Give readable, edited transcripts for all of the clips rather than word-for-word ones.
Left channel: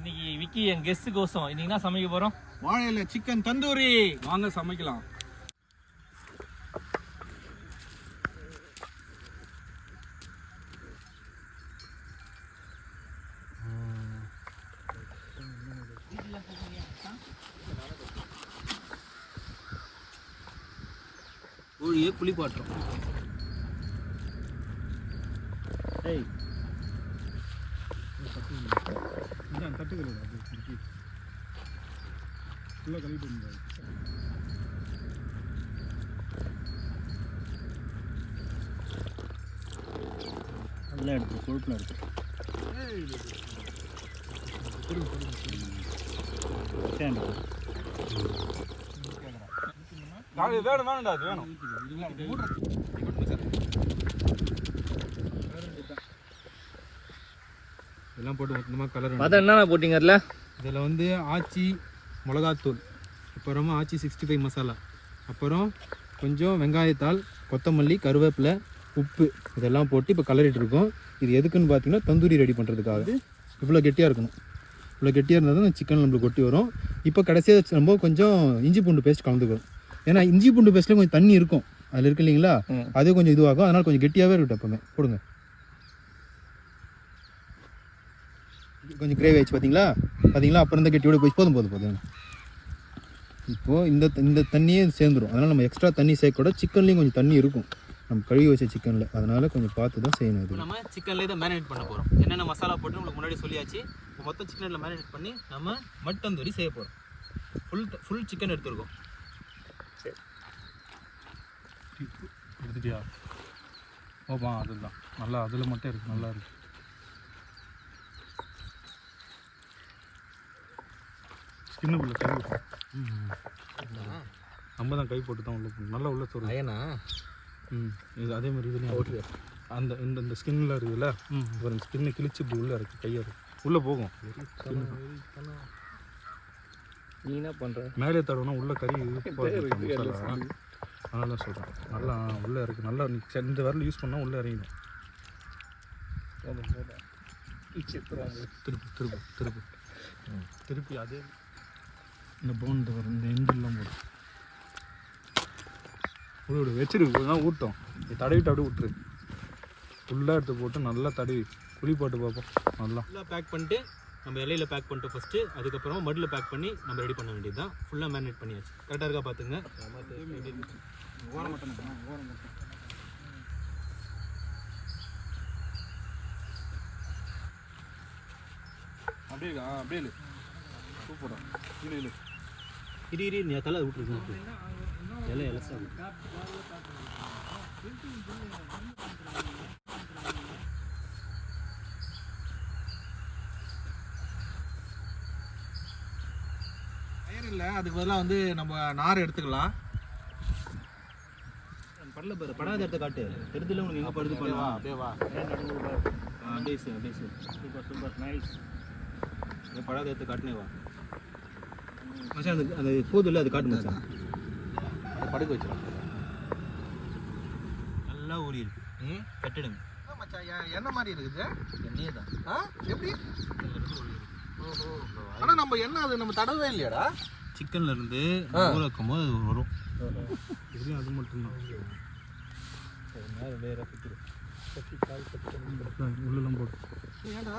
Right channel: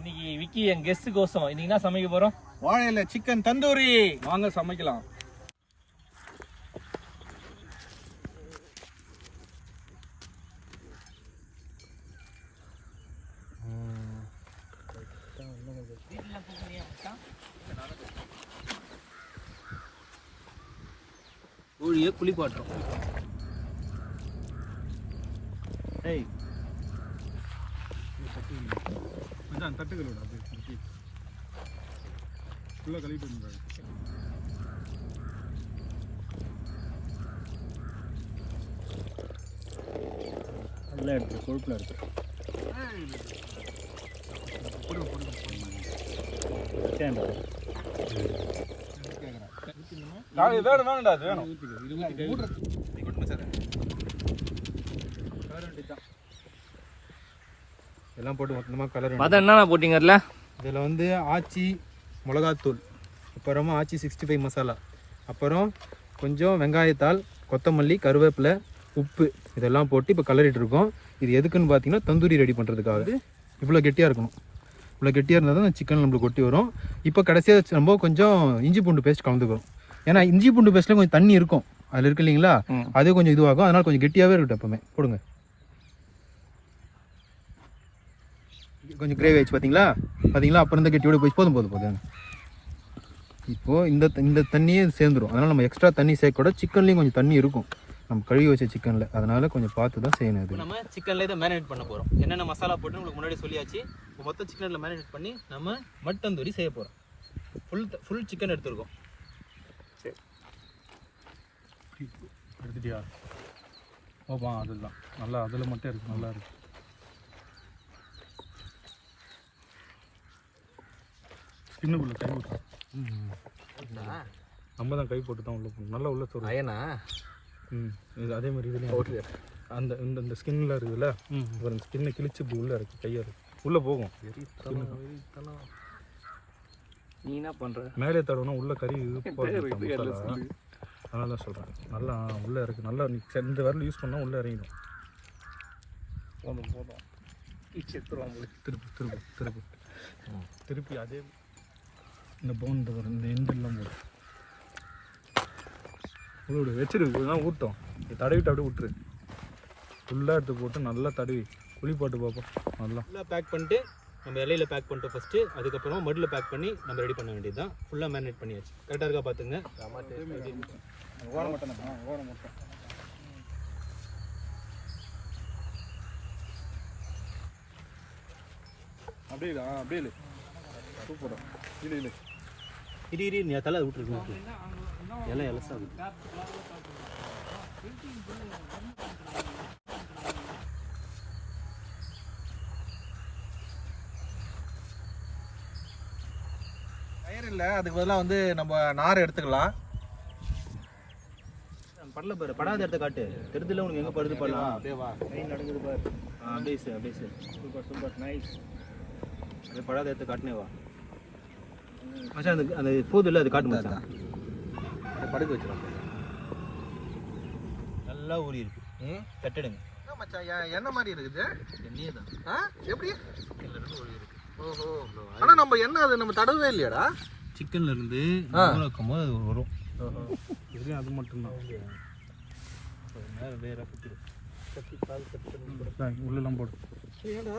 இன்னைக்கு விக்கி என் கெஸ்ட் கோசம் இன்னைக்கு என்ன சமைக்க போறோம்? வாழையில சிக்கன் தந்தூரி. வாங்க சமைக்கலாம். கோழியை குளிப்பாட்டுறோம். டேய் தட்டுக்கிறோம் நல்லா எடுத்து கொழுப்பில் எடுத்து வேணும்டா அது வேணும். எல்லாம் போட்டு மொத்தமாக கலர் என்ன போட்டிங்கல்ல? இதில் வந்து ஆச்சி மிளகாத்தூள், அப்புறமா ஆச்சி 65 மசாலா, அப்புறம் கொஞ்சம் வெங்காயத்தாள், கொத்தமல்லி, கருவேப்பிலை, உப்பு இதெல்லாம் போட்டு இப்போ கலரிட்டு இருக்கோம். இது எதுக்குன்னு பார்த்தீங்கன்னா தந்தூரி ரெடி பண்ணுறதுக்காக. இவ்வளோ கெட்டியாக இருக்கணும். இவ்வளோ கெட்டியாக இருந்தால் தான் சிக்கன் நம்மளுக்கு கொட்டி வரும். இப்போ கடைசியாக நம்ம கொஞ்சம் இஞ்சி பூண்டு பேஸ்ட் கலந்துக்கிறோம். ஏன்னா இஞ்சி பூண்டு பேஸ்ட்டில் கொஞ்சம் தண்ணி இருக்கும், அதில் இருக்கு இல்லைங்களா, அதே கொஞ்சம் இதுவாகும். அதனால் கொஞ்சம் கெட்டியாகவே இருக்கட்டும். எப்பவுமே போடுங்க. கொஞ்சம் கிரேவி ஆயிடுச்சு பார்த்தீங்களா? அப்புறம் இந்த கெட்டியோட போய் போதும். இப்போது இந்த தண்ணியே சேர்ந்துடும். அதனால் நம்ம எக்ஸ்ட்ரா தண்ணி சேர்க்க சிக்கன்லேயும் கொஞ்சம் தண்ணி இருக்கும் நம்ம கழுவி வச்ச சிக்கனில். அதனால் கொஞ்சம் பார்த்து தான் செய்யணும். இது நம்ம சிக்கனில் இதை மேரினேட் பண்ண போகிறோம். என்னென்ன மசாலா போட்டு உங்களுக்கு முன்னாடி சொல்லியாச்சு. இப்போ மொத்தம் சிக்கனில் மேரினேட் பண்ணி நம்ம மட்டன் தந்தூரி செய்ய போகிறோம். ஃபுல் சிக்கன் எடுத்துருக்கோம். எடுத்துட்டியா? ஓப்பா அதுதான் நல்லா, அதில் மட்டும் இருக்குது, நல்லா இருக்குது. ஸ்கின்னுக்குள்ள கை விட்டோம். நம்ம தான் கை போட்டு தான் உள்ள நல்லா உள்ள தரும் அயனா. இது அதே மாதிரி இதுலேயும் அந்த இந்த ஸ்கின்னில் இருக்குதுல்ல, அப்புறம் ஸ்கின்னை கிழிச்சு இப்படி உள்ளே இருக்குது, கையாக இருக்குது, உள்ளே போகும். நீ என்ன பண்ணுற? மேலே தடவைனா உள்ள கறி மசாலா. அதனால சொல்கிறேன், நல்லா உள்ளே இருக்குது. நல்லா இந்த வரல யூஸ் பண்ணால் உள்ளே இறங்கிடும். திருப்பி அதே இந்த போன் வரும், இந்த எண்டெல்லாம் போடும். விடு வச்சிருக்கு ஊட்டம் தடவிட்டு அப்படியே விட்டுரு. ஃபுல்லாக எடுத்து போட்டு நல்லா தடவி குழி போட்டு பார்ப்போம். நல்லா பேக் பண்ணிட்டு நம்ம இலையில பேக் பண்ணிட்டோம் ஃபஸ்ட்டு. அதுக்கப்புறமா மடில் பேக் பண்ணி நம்ம ரெடி பண்ண வேண்டியது தான். ஃபுல்லாக மேரினேட் பண்ணியாச்சு. கரெக்டாக இருக்கா பார்த்துங்க. ஓரம் மட்டும் அப்படியே சூப்பராக இரு நீ தலை விட்டுருக்கு. இலை இலசா கயிறு இல்லை, அதுக்கு பதிலாக வந்து நம்ம நார் எடுத்துக்கலாம். படல பாரு, படாத இடத்த காட்டு. தெரிஞ்சல உனக்கு எங்கே படுது பண்ணலாம். அப்படியே வா, நடக்குது பாரு. அப்படியே சார் சூப்பர் நைஸ். அப்படியே படாத இடத்த காட்டுனே வா மச்சான். அந்த போது இல்லை, அது காட்டு மச்சான். அதை படுக்க வச்சிடும். நல்லா ஊறி இருக்கு. கட்டிடுங்க மச்சான். என்ன மாதிரி இருக்குது? எண்ணெயே தான். எப்படி? ஊறி இருக்கு. ஓஹோ. ஆனால் நம்ம என்ன அதை நம்ம தடவே இல்லையாடா? சிக்கன்ல இருந்து ஊற வைக்கும் போது அது வரும். இதுலேயும் அது மட்டும்தான். உள்ளெல்லாம் போடு. ஏண்டா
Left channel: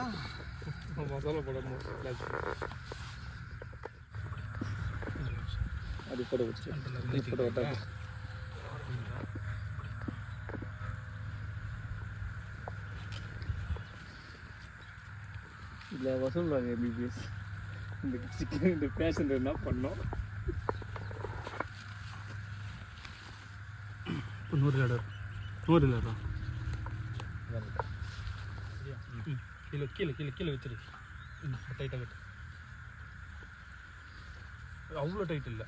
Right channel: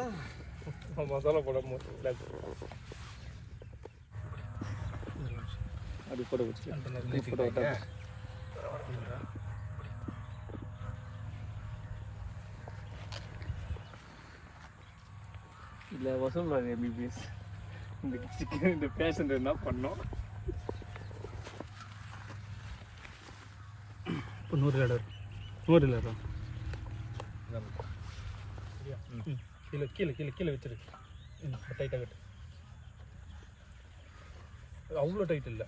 மசாலா போடாம அது போட வச்சு இல்லை வசூல்வாங்க எம்பிபிஎஸ். இந்த சிக்கன் இந்த பேஷண்ட் என்ன பண்ணோம்? 100 லேடர் கீழே வச்சிரு. டைட்டாக கட்டு. அவ்வளோ டைட் இல்லை,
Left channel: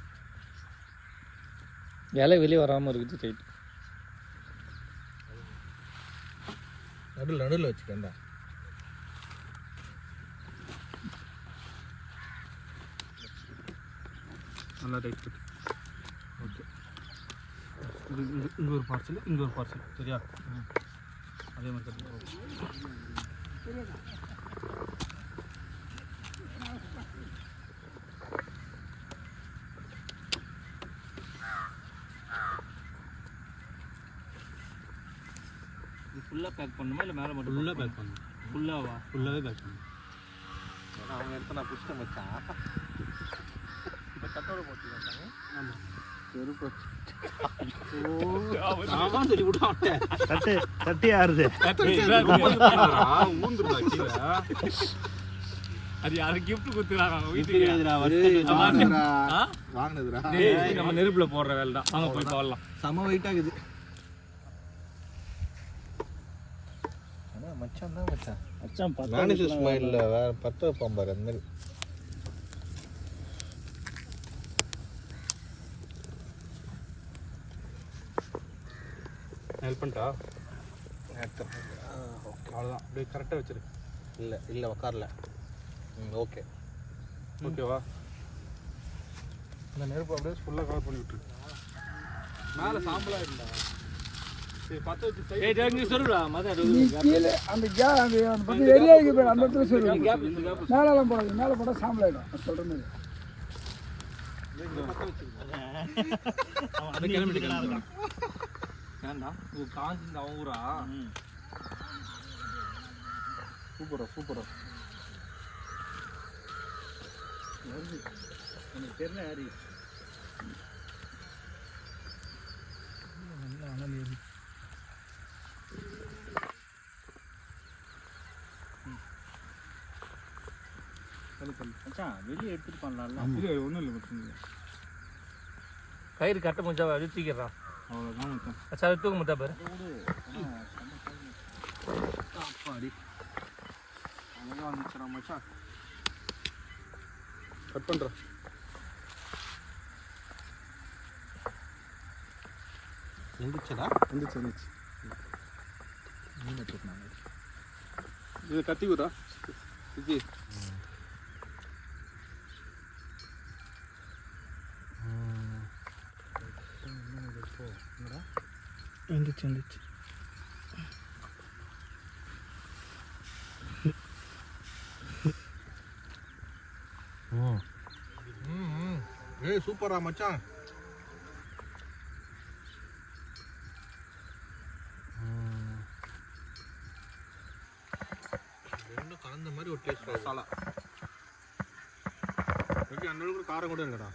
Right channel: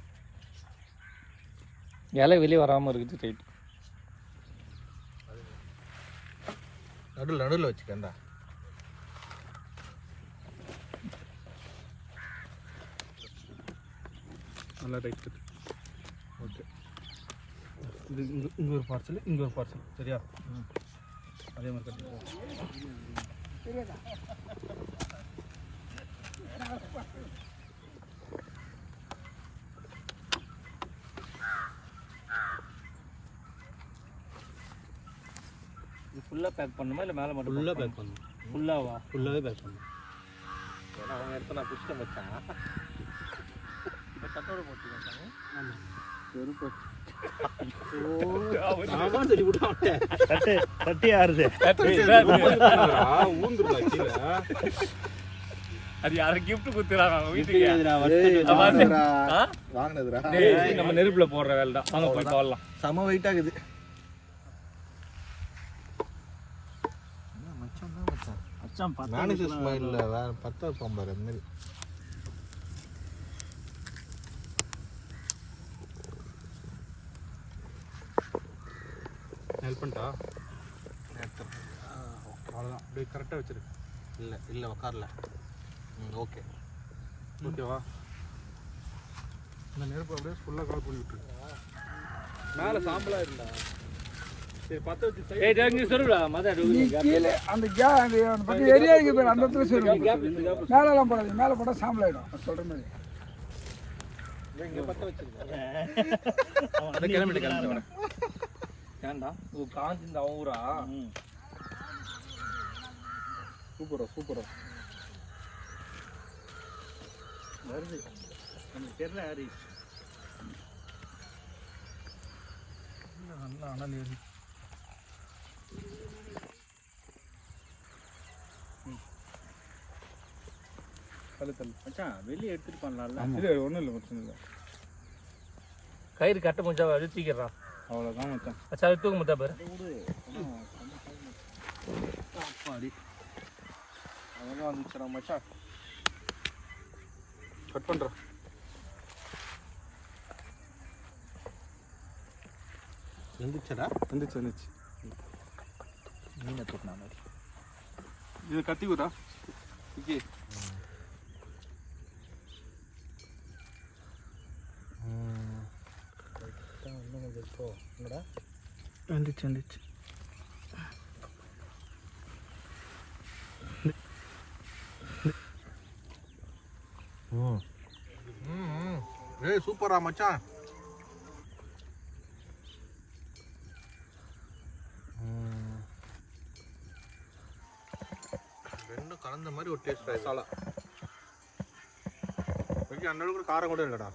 இலை வெளியே வராமல் இருக்குது டைட். நடுவில் வச்சுக்கண்டா. நல்லா டைட் கட்டு. ஓகே. இங்கே ஒரு பார்சல் சரியா? அதே மாதிரி கட்டு. ஃபுல்லாக பேக் பண்ணுமா இல்லை மேலே மட்டும் ஃபுல்லாக பேக் பண்ணணும். ஃபுல்லாவா? ஃபுல்லாகவே பேக் பண்ணணும். ஏன்னா அவங்க இடத்த நான் புஷ்டம் வச்சான் இப்போ கட்டோட பார்த்துக்காங்க. சொல்லி விட்டாங்க கட்டி ஆறுது அது யாரும் gift கொடுத்துறாங்க அவங்க வீட்டுக்கு. வாங்கினதுரா நம்ம நெருப்புல போடுற வேலை தான். வாங்க போய் போடலாம். செம வெயிட் ஆகுது. மச்சான் தான் மச்சான் மச்சான் மேனேஜர் ஸ்மைல்ல வேற பத்த வைப்பான் பாரு அந்த மாதிரி. ஹெல்ப் பண்ணிட்டா அவ்வளோதான். அப்படியே கரெக்டாக வச்சிரு. இல்லை இல்லை உக்காரல. ஓகே ஓகேவா? இந்த நெருப்பு அப்படியே ஃபுல்லாக கவர் பண்ணி விட்டுரு. மேலே சாம்பலாக இருந்தா சரி பற்ற வச்சு ஏய் தெரிஞ்சு சொல்லுடா மத அந்த ஏரியா இங்கே போய் அந்த இடத்துல சொல்லு. மேலெல்லாம் போடாது, மேலே போட்டால் சாம்பல் ஆகிடும். சொல்கிறேன் இங்கே பற்ற வச்சிருக்கேன். கிளம்பிட்டு வரேன். ஏன்டா ஓ காஞ்சி இந்த ஊரா சூப்பரா சூப்பரா வருது. எனக்கு தெரியல ஹரி. மச்சான் வெளியே எடுத்துட்டு பண்ணலாம்ல. இல்லை ஒன்றும் இல்லை பிரச்சனை இல்லை. கயிறு கட்ட கொஞ்சம் அழுத்திக்கிறான். அவ்வளோதான் மச்சான். மச்சான் அது தூக்க முத்தா பேர் அப்பாடி அழகாக வந்துச்சுடா மச்சான். கட் பண்ணுறேன். எந்திரிச்சடா? எந்திரிச்சு எந்திரிச்சு மீனை தூக்கினா மாதிரி. இது கத்தி விடா. ஓகே வந்துச்சு வந்துச்சு. ஏய் சூப்பரா மச்சான். ரெண்டும் கலந்த மாதிரி ஒரு டேஸ்ட். மசாலா அந்த அளவுக்கு காரம் கூட இல்லைடா.